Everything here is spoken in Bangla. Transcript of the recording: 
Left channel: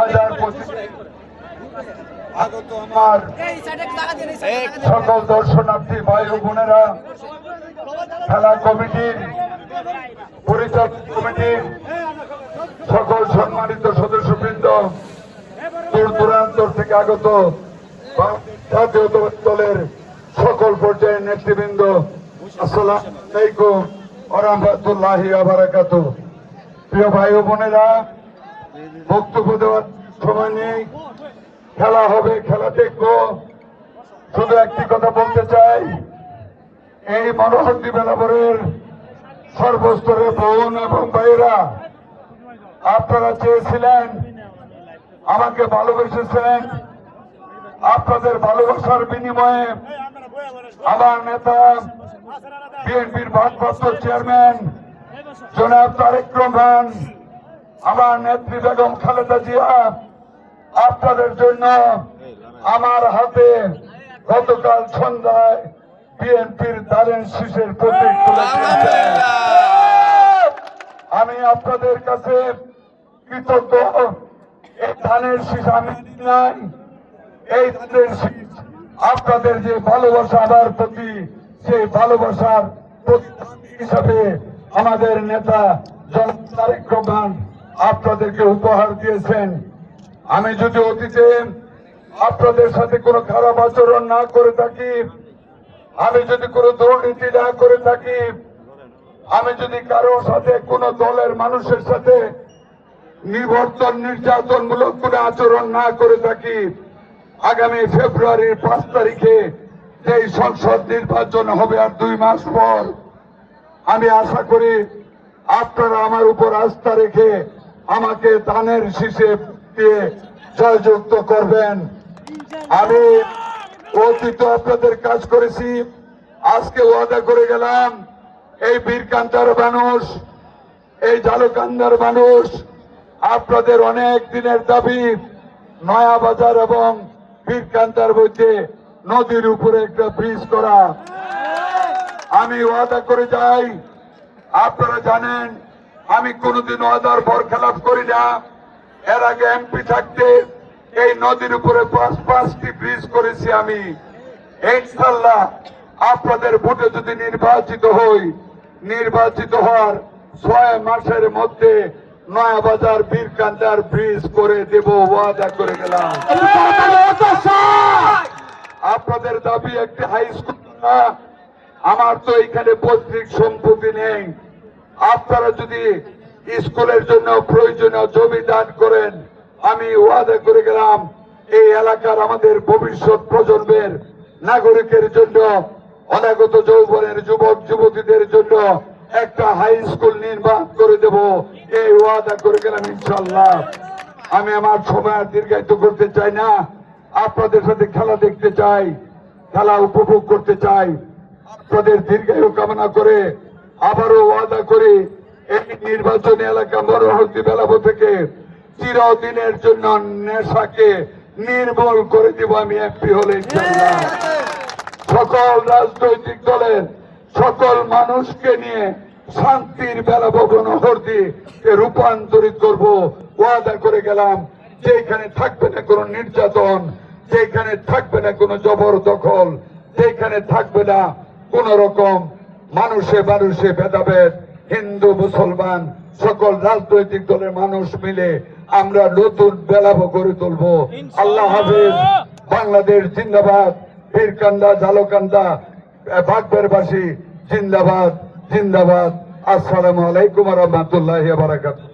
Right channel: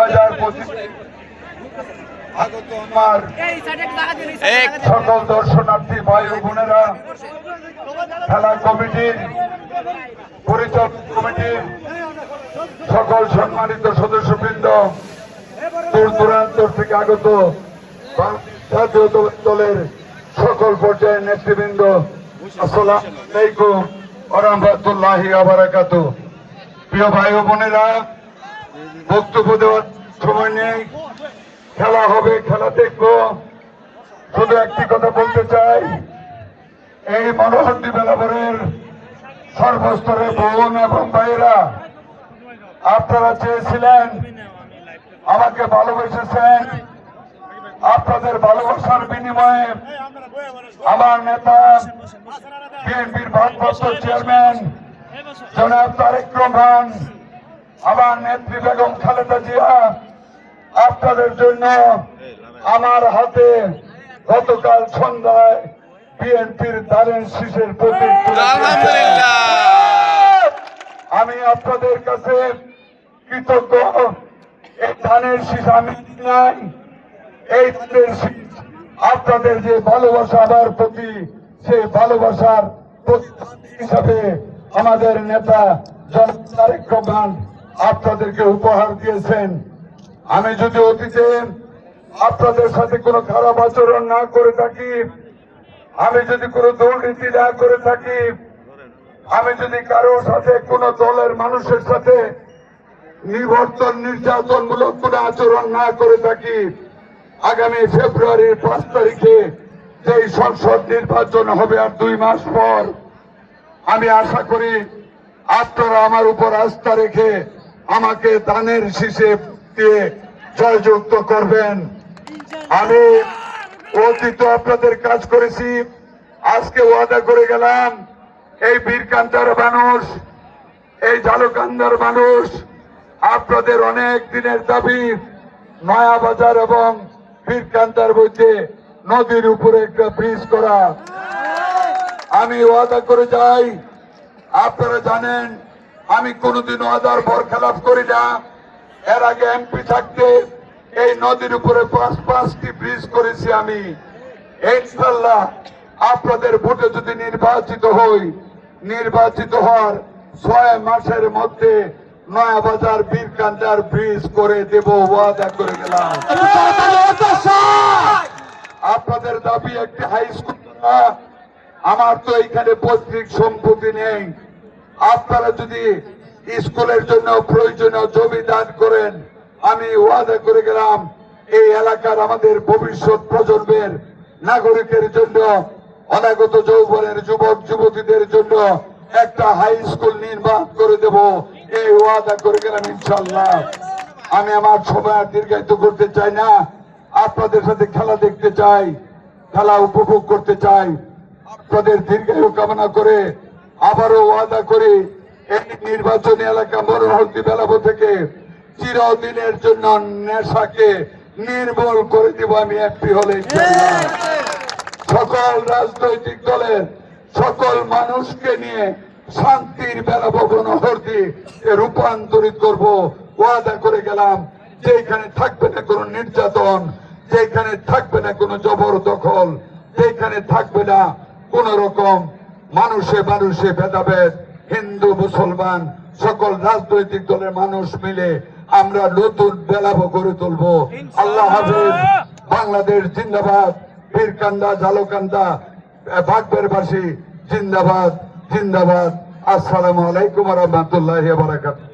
হাজার পঁচিশ। আগত সকল দর্শনার্থী ভাই বোনেরা, খেলা কমিটির, পরিচালক কমিটির সকল সম্মানিত সদস্যবৃন্দ, দূর দূরান্ত থেকে আগত জাতীয় দলের সকল পর্যায়ের নেতৃবৃন্দ, আসসালাম আলাইকুম ওরহমতুল্লাহি আবরাকাত প্রিয় ভাই বোনেরা বক্তব্য দেওয়ার সময় নেই। খেলা হবে, খেলা দেখব। শুধু একটি কথা বলতে চাই, এই মনোহরদি বেলাবরের সর্বস্তরের বোন এবং ভাইয়েরা, আপনারা চেয়েছিলেন, আমাকে ভালোবেসেছেন, আপনাদের ভালোবাসার বিনিময়ে আমার নেতা বিএনপির ভারপ্রাপ্ত চেয়ারম্যান জনাব তারেক রহমান আমার নেত্রী বেগম খালেদা জিয়া আপনাদের জন্য আমার হাতে গতকাল সন্ধ্যায় বিএনপির দারেন শীষের প্রতীক আমি আপনাদের কাছে কৃতজ্ঞ এই ধানের শীষ আমি নাই এই ধানের শীষ আপনাদের যে ভালোবাসা আমার প্রতি সেই ভালোবাসার প্রতিফলন হিসাবে আমাদের নেতা জন তারেক রহমান আপনাদেরকে উপহার দিয়েছেন। আমি যদি অতীতে আপনাদের সাথে কোনো খারাপ আচরণ না করে থাকি, আমি যদি কোনো দুর্নীতি না করে থাকি, আমি যদি কারোর সাথে কোন দলের মানুষের সাথে নিবর্তন নির্যাতনমূলক কোন আচরণ না করে থাকি, আগামী ফেব্রুয়ারির পাঁচ তারিখে যেই সংসদ নির্বাচন হবে আর দুই মাস পর, আমি আশা করি আপনারা আমার উপর আস্থা রেখে আমাকে দানের শীষে দিয়ে জয়যুক্ত করবেন। আমি অতীত আপনাদের কাজ করেছি, আজকে ওয়াদা করে গেলাম, এই বীরকান্তার মানুষ, এই জালুকান্দার মানুষ, আপনাদের অনেক দিনের দাবি নয়া বাজার এবং বীরকান্তার মধ্যে নদীর উপরে একটা ব্রিজ করা। আমি ওয়াদা করে যাই, আপনারা জানেন আমি কোনোদিন ওয়াদার বরখেলাপ করি না। এর আগে এমপি থাকতে এই নদীর উপরে পাঁচ পাঁচটি ব্রিজ করেছি আমি। ইনশাল্লাহ আপনাদের ভোটে যদি নির্বাচিত হই, নির্বাচিত হওয়ার ছয় মাসের মধ্যে নয়া বাজার বীরকান্দার ব্রিজ করে দেব, ওয়াদা করে গেলাম। আপনাদের দাবি একটি হাই স্কুল। আমার তো এইখানে পৈতৃক সম্পত্তি নেই। আপনারা যদি স্কুলের জন্য প্রয়োজনীয় জমি দান করেন, আমি ওয়াদা করে গেলাম, এই এলাকার আমাদের ভবিষ্যৎ প্রজন্মের নাগরিকের জন্য, অনাগত যৌবনের যুবক, যুবতীদের জন্য একটা হাই স্কুল নির্মাণ করে দেব। এই ওয়াদা করে গেলাম ইনশাল্লাহ আমি আমার সময় দীর্ঘায়িত করতে চাই না। আপনাদের সাথে খেলা দেখতে চাই, খেলা উপভোগ করতে চাই। আপনাদের দীর্ঘায়ু কামনা করে আবারও ওয়াদা করি, এই নির্বাচনী এলাকা মনোহরদি বেলাবো থেকে চিরদিনের জন্য নেশাকে নির্মূল করে দিব আমি এমপি হলে সকল রাজনৈতিক দলের, সকল মানুষকে নিয়ে শান্তির বেলা ভবন হরদি রূপান্তরিত করব। ওয়াদা করে গেলাম, যেখানে থাকবে না কোনো নির্যাতন, যেখানে থাকবে না কোনো জবরদখল, যেখানে থাকবে না কোন রকম মানুষে মানুষে ভেদাভেদ হিন্দু মুসলমান সকল রাজনৈতিক দলের মানুষ মিলে আমরা নতুন বেলাভ গড়ে তুলব। আল্লাহ হাফিজ বাংলাদেশ জিন্দাবাদ বীরকান্দা জালকান্দা বাগদারবাসী জিন্দাবাদ জিন্দাবাদ। আসসালামু আলাইকুম রহমতুল্লাহ বারাকাতুহ।